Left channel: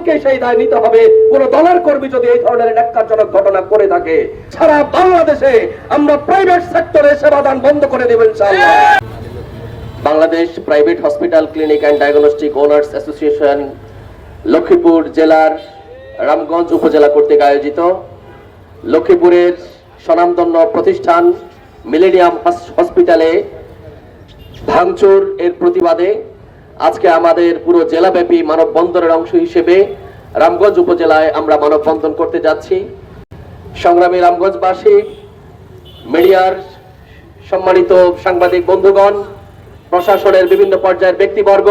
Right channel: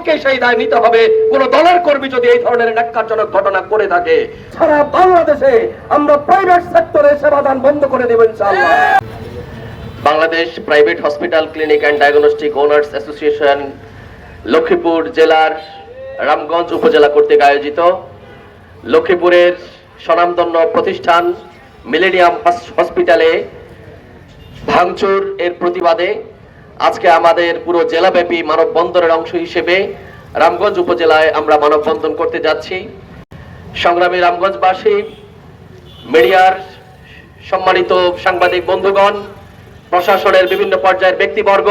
দলকে সেই দায় নিতে হবে। কোন দলের কর্মী যদি এই ধরনের ন্যাক্কারজনক ঘটনা করে থাকে, সারা বাংলাদেশে আমরা প্রাইভেট সেক্টরে সেবাদান বন্ধ করে দেবেন Bangladesh private hospital clinic and diagnostic owners association Lakshmipur জেলার রামগঞ্জ উপজেলা কর্তৃক আয়োজিত লক্ষ্মীপুরের স্বনামধন্য প্রতিষ্ঠান মিলেনিয়াম হসপিটালে ভাঙচুর এর প্রতিবাদে আজকে আমাদের পুরো জেলাব্যাপী মানববন্ধনের অংশ হিসেবে রামগঞ্জ উপজেলায় আমরা মানববন্ধন করতে যাচ্ছি। সংগ্রামী রামগঞ্জবাসী, মিডিয়ার সম্মানিত সাংবাদিক বন্ধুগণ, প্রশাসনের বিভিন্ন পর্যায়ের ব্যক্তিবর্গ,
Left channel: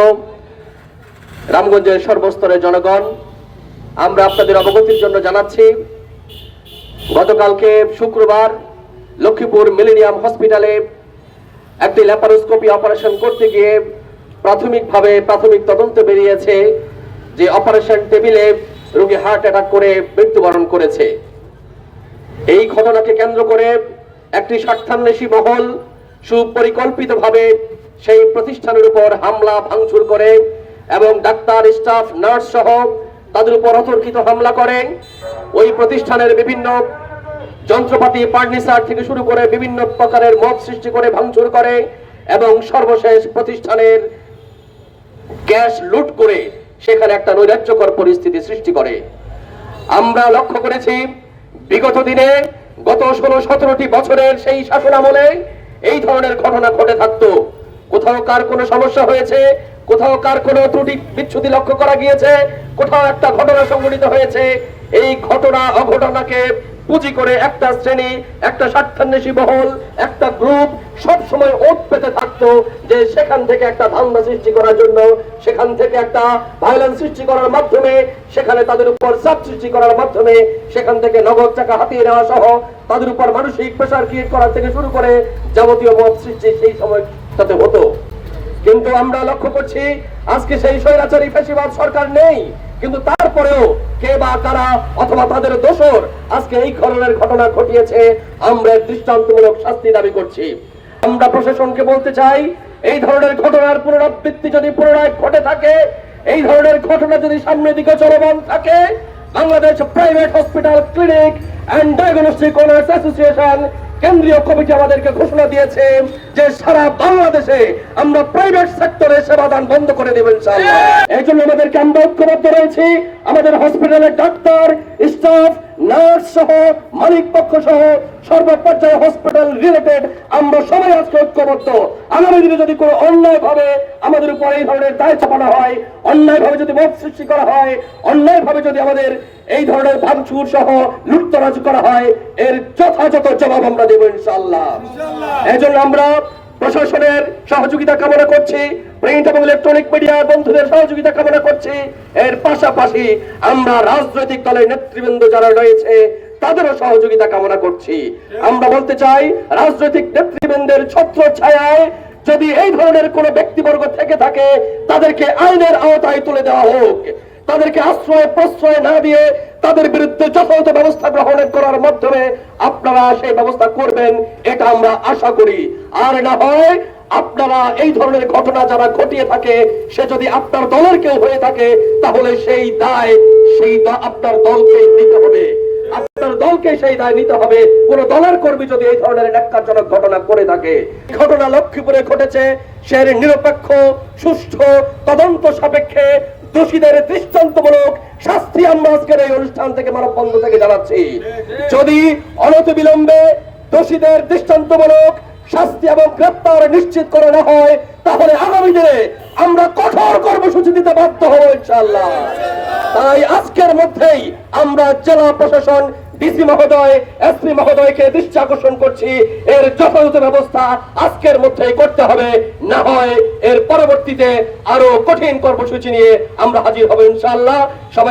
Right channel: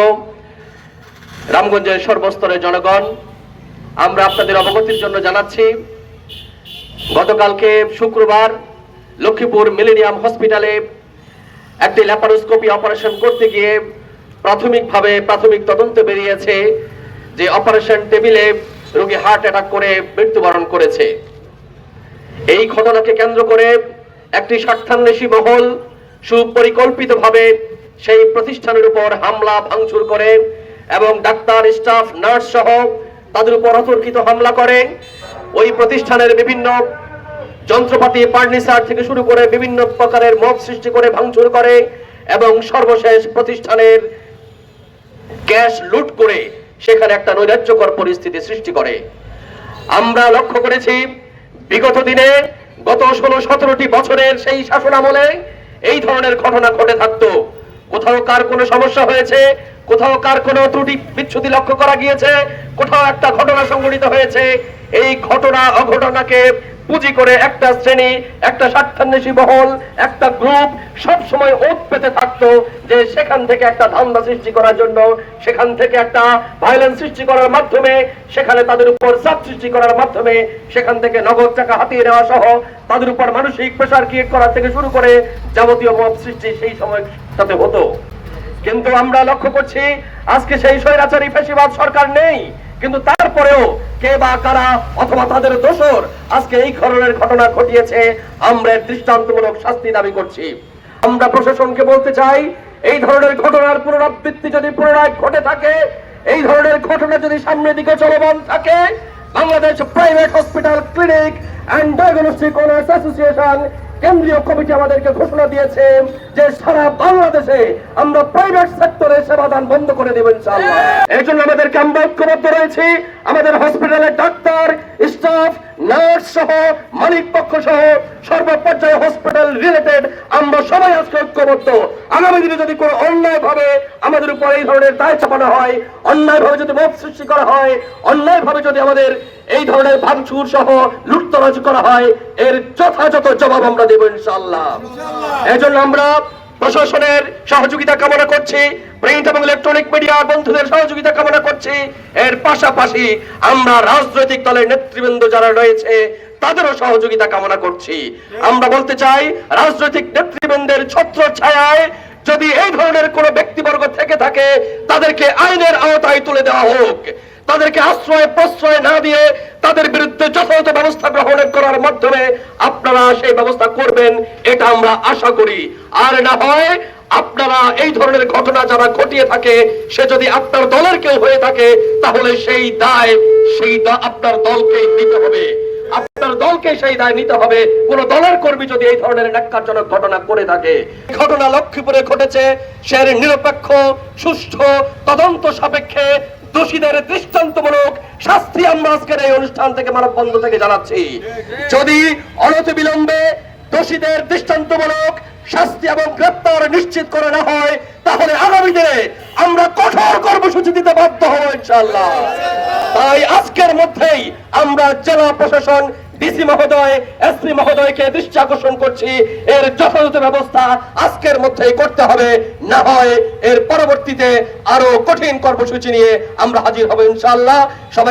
রামগঞ্জের সর্বস্তরের জনগণ, আমরা আপনাদের অবগতির জন্য জানাচ্ছি, গতকালকে শুক্রবার লক্ষ্মীপুর মিলেনিয়াম হসপিটালে একটি ল্যাপারোস্কোপি অপারেশন করতে গিয়ে প্রাথমিকভাবে প্রাথমিক তদন্তে বেরিয়েছে যে অপারেশন টেবিলে রোগী হার্ট অ্যাটাক করে মৃত্যুবরণ করেছে। এই ঘটনাকে কেন্দ্র করে একটি স্বার্থান্বেষী মহল সুপরিকল্পিতভাবে সেই প্রতিষ্ঠানের উপর হামলা ভাঙচুর করে এবং ডাক্তার, স্টাফ, নার্স সহ তাদের উপর অতর্কিত হামলা করে। ওই প্রতিষ্ঠানের বিভিন্ন যন্ত্রপাতি, ফার্নিচার থেকে শুরু করে বিভিন্ন প্রকারের মত সৃষ্টি করে ভাঙচুর করে এবং সর্বশেষ প্রতিষ্ঠানের ক্যাশ লুট করে সেখানে একটা নৈরাজ্যকর পরিস্থিতি সৃষ্টি করে। আমরা লক্ষ্য করেছি, বিগত দিনে গত ষোলো সতেরোটি বছরের সেই শাসন আমলে এই ধরনের ঘটনা ঘটে থাকতো। কোথাও কার কোনো সমস্যা হয়েছে? কোথাও কার কোনো ত্রুটি বিচ্ছুতি লক্ষ্য করা গিয়েছে? কোথাও একটা ঘটনা সংঘটিত হয়েছে? এই ঘটনা অঘটনাকে পুঁজি করে একটা শ্রেণি, একটা স্বার্থান্বেষী মহল একটা গ্রুপ সব সময় ওত পেতে থাকতো যে সেখান থেকে একটা ধান্দা সৃষ্টি করার জন্য, সেখান থেকে একটা ভায়োলেন্স সৃষ্টি করার মাধ্যমে, সেখানে তাদের উপর চাপ সৃষ্টি করার মাধ্যমে, সেখান থেকে নগদ টাকা হাতিয়ে নেওয়া সহ তাদের উপর মানসিক প্রেশার ক্রিয়েট করা থেকে শুরু করে যাবতীয় মত সৃষ্টি সেই সময় তাতে হতো। কিন্তু আমরা লক্ষ্য করছি, আজকে সেই স্বৈরাচারী পেশিবাদ সরকার নেই, কিন্তু তারপরেও কে বা কারা অথবা তাদের দোষর আজকে এই ধরনের ঘটনা ঘটিয়েছে, আমরা দৃষ্টান্তমূলক শাস্তি দাবি করছি। আমরা প্রশাসনকে বলতে চাই, এই ধরনের ঘটনার পুনরাবৃত্তি যদি পুনরায় ঘটে থাকে, এই ধরনের ঘটনা যদি সামনের দিকে চলমান থাকে, Bangladesh private hospital clinic and diagnostic owners association কেন্দ্রীয় কমিটি আমাদেরকে ঘোষণা দিয়েছে যে সারা বাংলাদেশে আমরা প্রাইভেট সেক্টরে সেবাদান বন্ধ করে দেবেন এই জন্য আমাদেরকে আমরা ঐক্যবদ্ধ রয়েছি। আমাদের হসপিটালের ডাক্তার স্টাফ নার্স সহ মালিক পক্ষ সহ সর্বপর্যায়ে হসপিটাল রিলেটেড আমরা সবাই আজকে ঐক্যবদ্ধ। আগামী দিনে যদি কোনো অন্যায় ভাবে আমাদের উপর এই ধরনের দায় চাপানো হয় অন্যায় ভাবে যদি মত সৃষ্টি করা হয় অন্যায় ভাবে যদি আমাদের এই ধরনের ভাঙচুর সহ লুটতরাজ করা হয় এর যথাযথ জবাব আমরা দেবো ইনশাআল্লাহ। এই জন্য আমরা প্রশাসনের সহযোগিতা কামনা করছি। প্রিন্ট এবং ইলেকট্রনিক মিডিয়া বন্ধুদের সহযোগিতা কামনা করছি। এর পাশাপাশি আমরা রাজনৈতিক দলের নেতৃবৃন্দ যারা রয়েছে, তাদেরও সহযোগিতা কামনা করছি। আমরা বলতে চাই, রাজনৈতিক নেতৃবৃন্দের ছত্র ছায়ায় যদি এই ধরনের কোন ব্যক্তিবর্গ থেকে থাকে, তাদেরকে আইনের আওতায় তুলে দেওয়া হোক। তাদেরকে আশ্রয় প্রশ্রয় না দিয়ে তাদের বিরুদ্ধে যথাযথ ব্যবস্থা গ্রহণ করার মাধ্যমে আপনারা সেই ব্যবস্থা করবেন, এটা আমরা আশা করি। আর না হয় আপনারা এই ধরনের ঘটনা যারা ঘটিয়ে থাকে, সে যদি আপনার দলের কেউ হয়ে থাকে, তাহলে সেই দায়, সেই আপনার দলকেই নিতে হবে। আপনার দলকে সেই দায় নিতে হবে। কোন দলের কর্মী যদি এই ধরনের ন্যাক্কারজনক ঘটনা করে থাকে ঘটনা লক্ষ্মীপুরে ঘটেছে, সে নিরপেক্ষ, সুষ্ঠু, তদন্ত সাপেক্ষে দোষীদের দৃষ্টান্তমূলক শাস্তি আমরা আজকের এই অনুষ্ঠান থেকে মানববন্ধ থেকে জানাচ্ছি। যদি অনতিবিলম্বে দোষীদের দৃষ্টান্তমূলক শাস্তি এবং গ্রেপ্তার নিশ্চিত করে না হয়, তাহলে আগামী দিনে আমরা কঠোর কর্মসূচি দিতে বাধ্য হব ইনশাল্লাহ তাই আজকের মধ্যেই আমরা জেলা প্রশাসন ডিসি মহোদয় এসপি মহোদয়কে দৃষ্টি আকর্ষণ করছি। এর যথাযথ ব্যবস্থা আজকের মধ্যেই করতে হবে। না হয় এর পরবর্তীতে আরও কঠিন কর্মসূচি নিয়ে আমরা হাজির হব ইনশাআল্লাহ। সবাই